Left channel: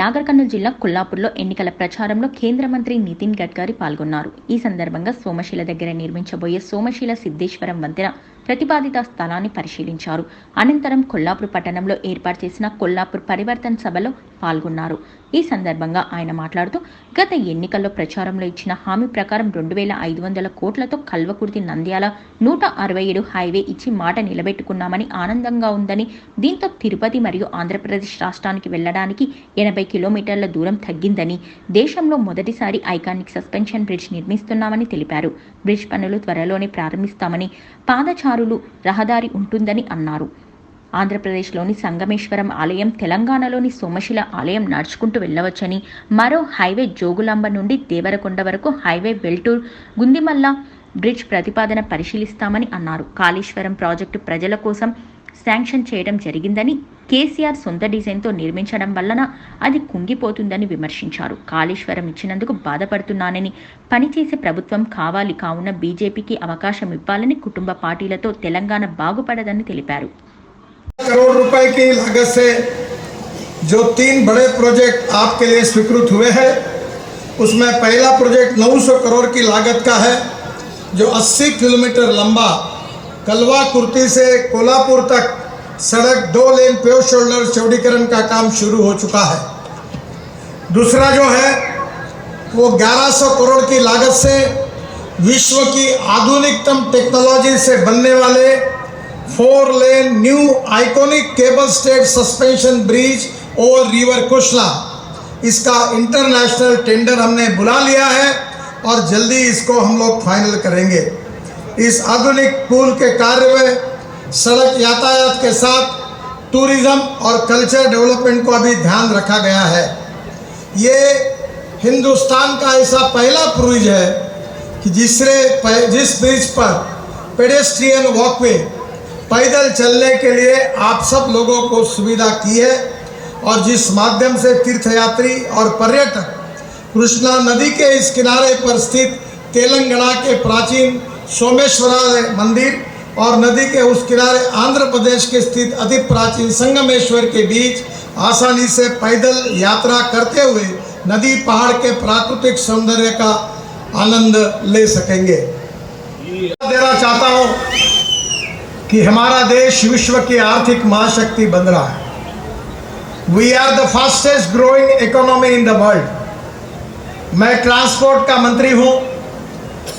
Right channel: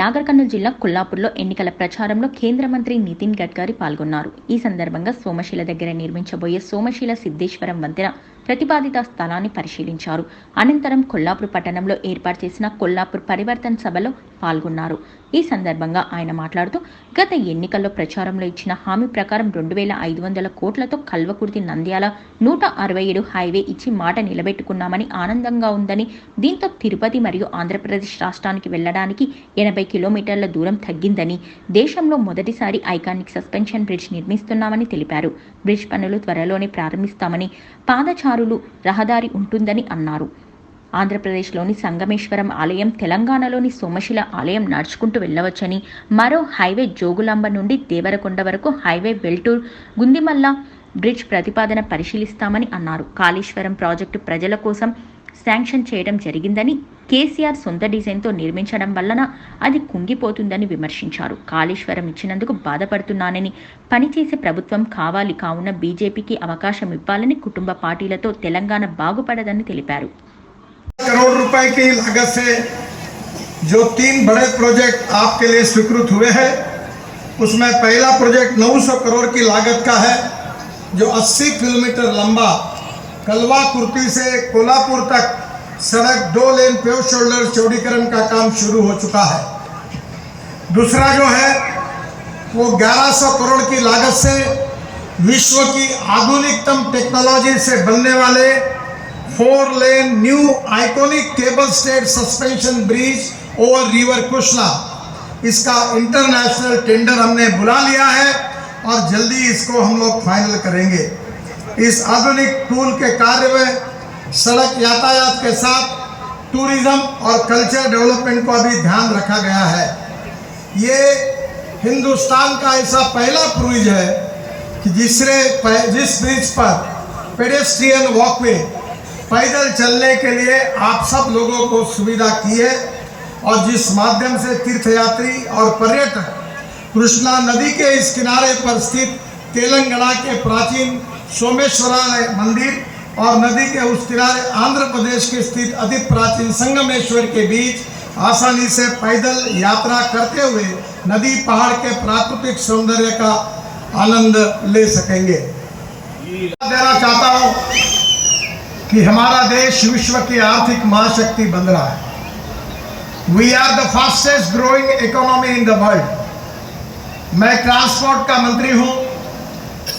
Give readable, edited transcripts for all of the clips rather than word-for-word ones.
నాగర్ కర్నూలు జిల్లా కొల్లాపూర్లో ఎన్నికల ప్రచారంలో కేంద్ర మంత్రి నితిన్ గడ్కరీ పాల్గొన్నారు. ఈ సందర్భంగా సోమశిల దగ్గర నిర్మించబోయే సోమశిల సిద్ధేశ్వరం వంతెన ప్రతిపాదిత స్థలాన్ని పరిశీలించారు. అనంతరం కొల్లాపూర్ పట్టణంలో ఏర్పాటు చేసిన కొల్లాపూర్ పరివర్తన్ సభలో పాల్గొన్నారు. ఈ సందర్భంగా ఆయన మాట్లాడుతూ, గత ఎన్నికల్లో ప్రచారంలో ఇచ్చిన హామీ ప్రకారం 2500 కోట్లతో కల్వకుర్తి నంద్యాల 167 హైవే ఇచ్చి మాట నిలబెట్టుకున్నామని ఆనందంగా ఉందని, దీంతో తిరుపతి మరియు ఆంధ్రప్రదేశ్ రాష్ట్రానికి వెళ్లడానికి 80 కిలోమీటర్ల దూరం తగ్గిందని, దేశంలో మొదటిసారి ఐకానిక్ సస్పెన్షన్ బ్రిడ్జ్ నిర్మిస్తున్నామని తెలిపారు. బ్రిడ్జ్ పనులు త్వరలోనే ప్రారంభిస్తామని, పాదచారులు రహదారి ఉంటుందని అన్నారు. ఆంధ్రప్రదేశ్లోని సంగమేశ్వరం ఆలయం, తెలంగాణలోని సోమశిల ఆలయం నడుచుకుంటూ వెళ్లవచ్చని, మరో హైవే జోగులాంబ నుండి దేవరకొండ వరకు హైవే వెల్టూర్ గుందిమల్ల బ్రిడ్జ్ ప్రతిపాదన పరిశీలిస్తామని అన్నారు. కాళేశ్వరం ప్రాజెక్టు ప్రజల కోసం శాంక్షన్ చేయడం జరిగిందని, కేసీఆర్ సొంత డిజైన్తో నిర్మించడం వలన అది కుంగిపోతుందని విమర్శించారు. కాళేశ్వరం ఇచ్చినందుకు బాధపడుతున్నానని, పనిచేసే ప్రభుత్వం కావాలి, కావున బీజేపీకి అవకాశం ఇవ్వాలని కుటుంబ పార్టీలతో తెలంగాణ బాగుపడదని తెలిపారు. करोड़ रुपए की लागत से जो 3 बड़े प्रोजेक्ट आपके लिए स्वीकृत हुए हैं, उसमें पहला प्रोजेक्ट 900 करोड़ की लागत का है, जो 80 किलोमीटर लंबा कलवा-कुर्ती से कोल्हापुर तक सड़क 2 लेन पेव शोल्डर चौड़ीकरण का काम शुरू हो चुका है। दूसरा जो है वो 1100 करोड़ की लागत से विश्व की आधुनिकतम टेक्नोलॉजी से बनने वाले 4 lane new iconic cable stayed suspension bridge over river Kushla, इसका इंटरनेशनल टेंडर हमने बुला लिया है और जल्दी इसको हम लोग फाइनल करेंगे। इस आधुनिक पुल के कार्य में सड़क यातायात के साथ टूरिज्म और कल्चर डेवलपमेंट को भी ध्यान रखा गया है। ये हिंदुस्तान का ऐसा पहला ब्रिज है कि जिस ब्रिज पर पेडेस्ट्रियन वॉकवे, पैदल चलने के लिए आप सब लोगों को सुविधा की है और जिस माध्यम से तीर्थयात्री और पर्यटक कृष्णा नदी के इस किनारे पर स्थित तेलंगाना के प्राचीन सोमेश्वरालय मंदिर और नदी के उस किनारे आंध्र प्रदेश के स्थित अति प्राचीन संगमेश्वर के बीच आसानी से पैदल यात्रा करते हुए नदी पहाड़ के प्राकृतिक सौंदर्य का आनंद ले सकेंगे। देना चाहता हूँ कि हमारा देश विश्व की आर्थिक महाशक्ति बन रहा है। We are the fastest growing economy in the world. मैं ट्रांसपोर्ट का मंत्री हूं।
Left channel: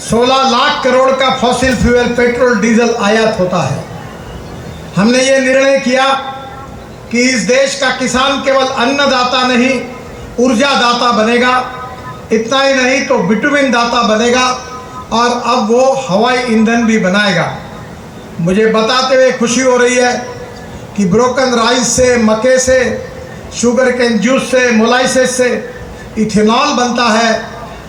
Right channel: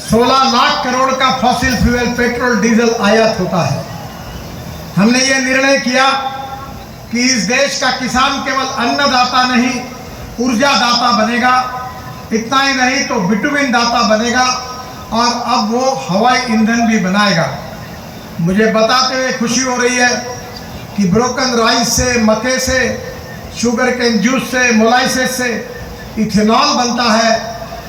16 लाख करोड़ का फॉसिल फ्यूल पेट्रोल डीजल आयात होता है। हमने ये निर्णय किया कि इस देश का किसान केवल अन्नदाता नहीं, ऊर्जा दाता बनेगा। इतना ही नहीं तो बिटुमिन दाता बनेगा और अब वो हवाई ईंधन भी बनाएगा। मुझे बताते हुए खुशी हो रही है कि ब्रोकन राइस से, मक्के से, शुगर केन जूस से, मोलाइसिस से इथेनॉल बनता है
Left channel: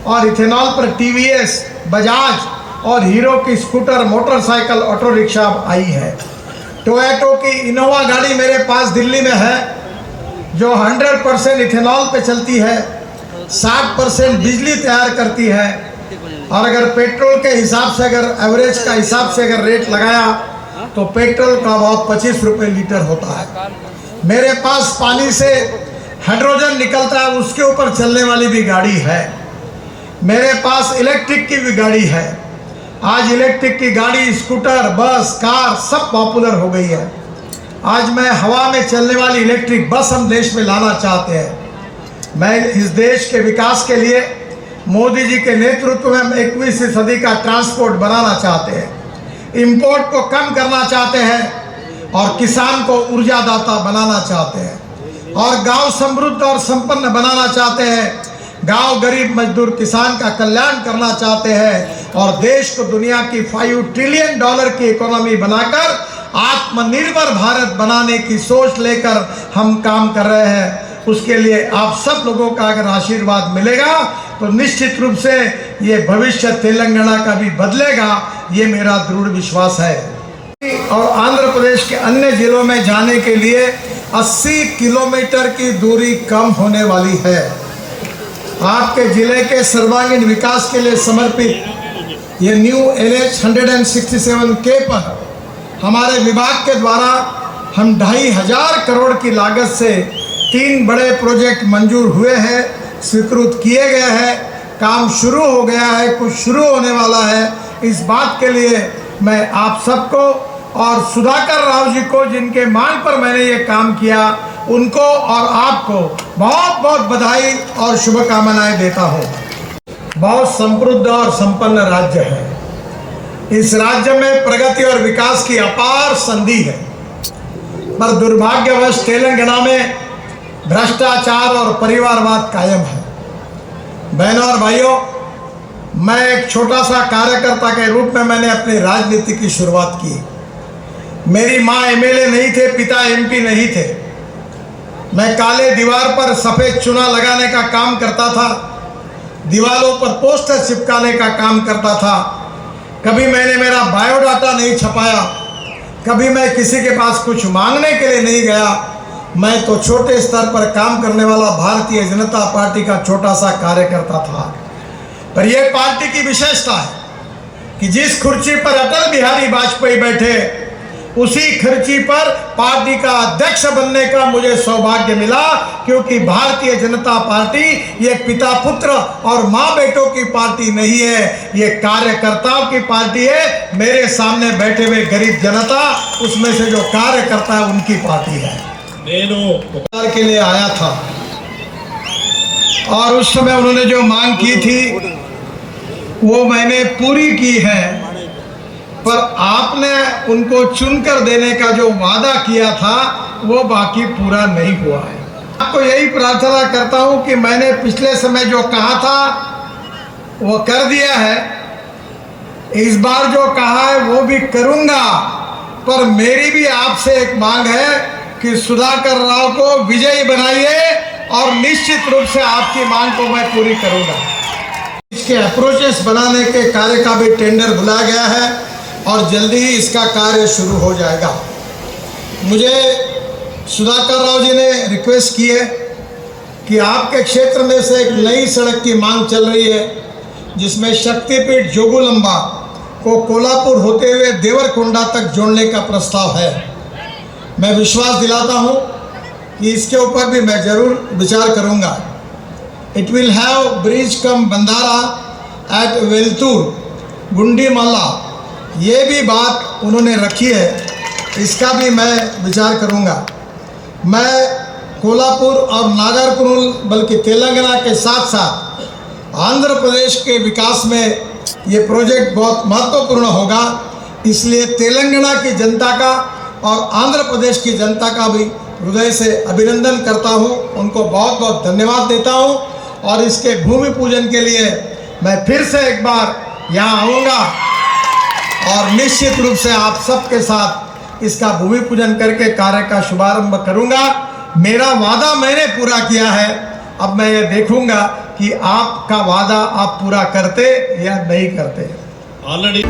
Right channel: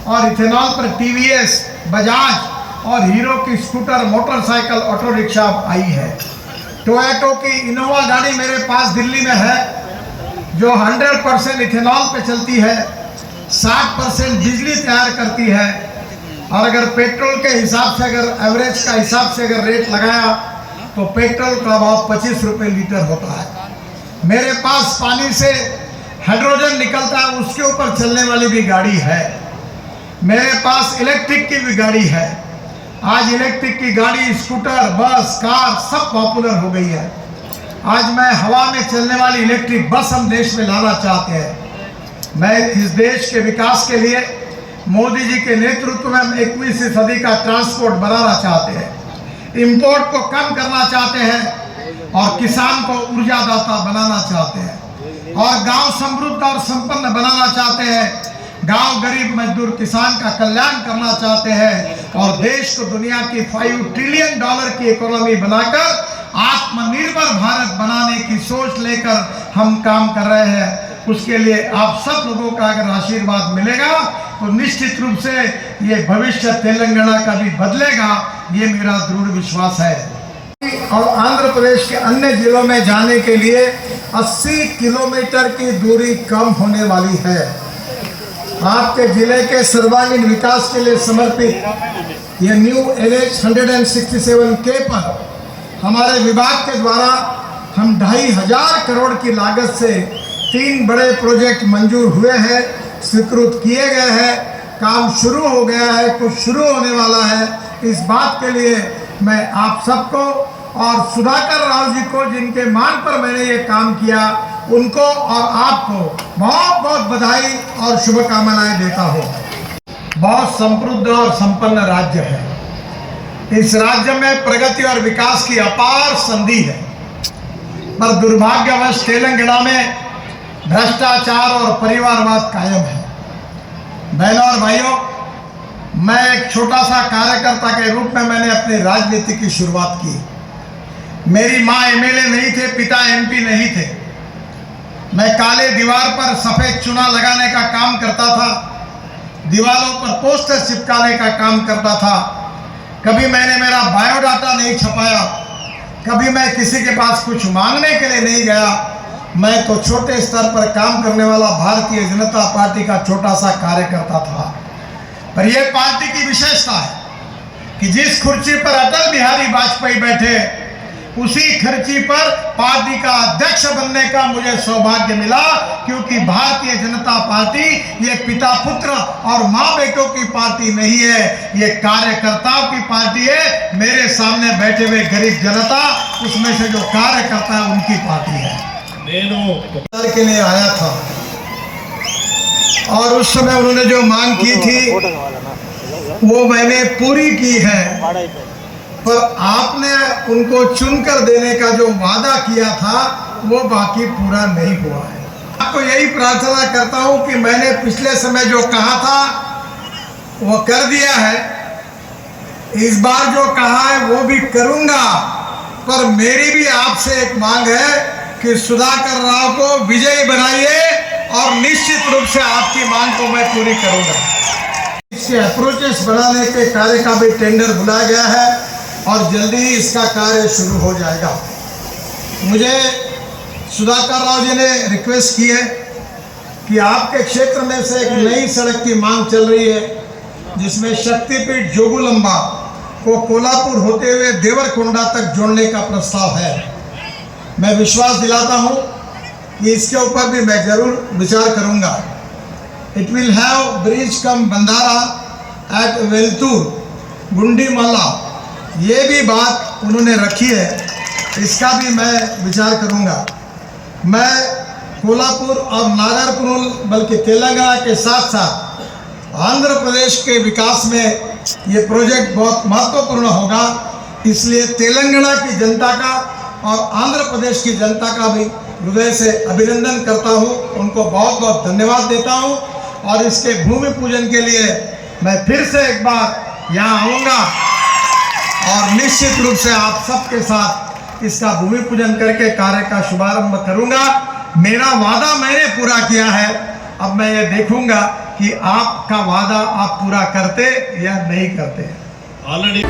और इथेनॉल पर टीवीएस, बजाज और हीरो की स्कूटर, मोटरसाइकिल, ऑटो रिक्शा आई है। टोयोटो की इनोवा गाड़ी मेरे पास दिल्ली में है, जो 100% इथेनॉल पे चलती है, 60% बिजली तैयार करती है और अगर पेट्रोल के हिसाब से, अगर एवरेज का हिसाब से अगर रेट लगाया तो पेट्रोल का भाव 25 रुपये लीटर होता है। मेरे पास पानी से हाइड्रोजन निकलता है, उसके ऊपर चलने वाली भी गाड़ी है। मेरे पास इलेक्ट्रिक की भी गाड़ी है। आज इलेक्ट्रिक की गाड़ी, स्कूटर, बस, कार सब पॉपुलर हो गई है। आज मैं हवा में चलने वाली इलेक्ट्रिक बस हम देश में लाना चाहते हैं। मैं इस देश के विकास के लिए मोदी जी के नेतृत्व में हम 21वीं सदी का ट्रांसपोर्ट बनाना चाहते हैं, इंपोर्ट को कम करना चाहते हैं और किसान को ऊर्जादाता बनाना चाहते हैं और गांव समृद्ध और संपन्न बनाना चाहते हैं। गांव गरीब मजदूर किसान का कल्याण करना चाहते हैं और देश को दुनिया की $5 ट्रिलियन की इकोनॉमी बनाकर आत्मनिर्भर भारत बनाने की सोच लेकर हम काम कर रहे हैं। उसके लिए आप सब लोगों का अगर आशीर्वाद मिलेगा तो निश्चित रूप से ये भविष्य तेलंगाना का भी बदलेगा, ये मेरा दृढ़ विश्वास है। और आंध्र प्रदेश के अन्य जिलों में जाने के लिए 80 किलोमीटर की दूरी कम होने वाली है। आपके जिले के सर्वांगीण विकास के लिए समर्पित ये न्यू NH 167K पर हमारे विभाग के द्वारा हम 2500 करोड़ की लागत से 3 बड़े प्रोजेक्ट मंजूर हुए हैं, स्वीकृत किए गए हैं, काम शुरू हो गया है, कुछ शुरू होने वाला है। इस बात के लिए मैं आप सबको और सुधाकर राव जी को, जिनके मान पर मैंने ये काम किया, उनको और आपको बहुत बहुत बधाई और शुभकामनाएं देता हूँ। बहुत समृद्ध और संपन्न राज्य है। इस राज्य में प्रगति और विकास की अपार संधि है, पर दुर्भाग्यवश तेलंगाना में भ्रष्टाचार और परिवारवाद कायम है। बहनों और भाइयों, मैं एक छोटा सा कार्यकर्ता के रूप में मैंने अपनी राजनीति की शुरुआत की। मेरी माँ एमएलए नहीं थे, पिता एमपी नहीं थे। मैं काले दीवार पर सफेद चुना लगाने का काम करता था, दीवारों पर पोस्टर चिपकाने का काम करता था। कभी मैंने मेरा बायोडाटा नहीं छपाया, कभी मैं किसी के पास कुछ मांगने के लिए नहीं गया। मैं तो छोटे स्तर पर काम करने वाला भारतीय जनता पार्टी का छोटा सा कार्यकर्ता था। पर यह पार्टी की विशेषता है कि जिस कुर्सी पर अटल बिहारी वाजपेयी बैठे, उसी कुर्सी पर पार्टी का अध्यक्ष बनने का मुझे सौभाग्य मिला, क्योंकि भारतीय जनता पार्टी ये पिता पुत्र और माँ बेटों की पार्टी नहीं है, ये कार्यकर्ताओं की पार्टी है। मेरे सामने बैठे हुए गरीब जनता, उसमें से जो कार्यकर्ता है, उनकी पार्टी है। के लिए आया था और उस समय उन्होंने जो मांग की थी वो मैंने पूरी की है, पर आपने उनको चुनकर देने का जो वादा किया था वो बाकी पूरा नहीं हुआ है। आपको यही प्रार्थना करता हूं कि मैंने पिछले समय जो कहा था वो कर दिया है, इस बार जो कहा है वो भी करूंगा। पर मेरी भी आपसे एक मांग है कि सुधाकर राव को विजयी बनाइए और निश्चित रूप से आपकी मांग को मैं पूरी करूंगा। इसके अप्रोचेस बनाने के कार्य का भी टेंडर बुलाया गया है और जल्दी ही इसका कार्य शुरू हो जाएगा। मुझे सुधाकर राव जी ने रिक्वेस्ट की है कि आपके क्षेत्र में से एक नई सड़क की मांग चल रही है, जिसमें शक्तिपीठ जोगुलंबा को कोल्हापुर होते हुए देवरकोंडा तक जोड़ने का प्रस्ताव है। मैं विश्वास दिलाता हूं कि इसके ऊपर भी मैं जरूर विचार करूंगा। इट विल हैव ब्रिज कम बंधारा एट वेलतूर गुंडीमाला, ये भी बात उन्होंने रखी है, इसका भी मैं विचार करूंगा। मैं कोल्हापुर और नागरकुरुल बल्कि तेलंगाना के साथ साथ आंध्र प्रदेश के विकास में ये प्रोजेक्ट बहुत महत्वपूर्ण होगा, इसलिए तेलंगाना की जनता का और आंध्र प्रदेश की जनता का भी हृदय से अभिनंदन करता हूं, उनको बहुत बहुत धन्यवाद देता हूं। और इसके भूमि पूजन के लिए मैं फिर से एक बार यहाँ आऊँगा और निश्चित रूप से आप सबके साथ इसका भूमि पूजन करके कार्य का शुभारंभ करूंगा। मेरा वादा मैंने पूरा किया है, अब मैं ये देखूंगा कि आपका वादा आप पूरा करते या नहीं करते। ऑलरेडी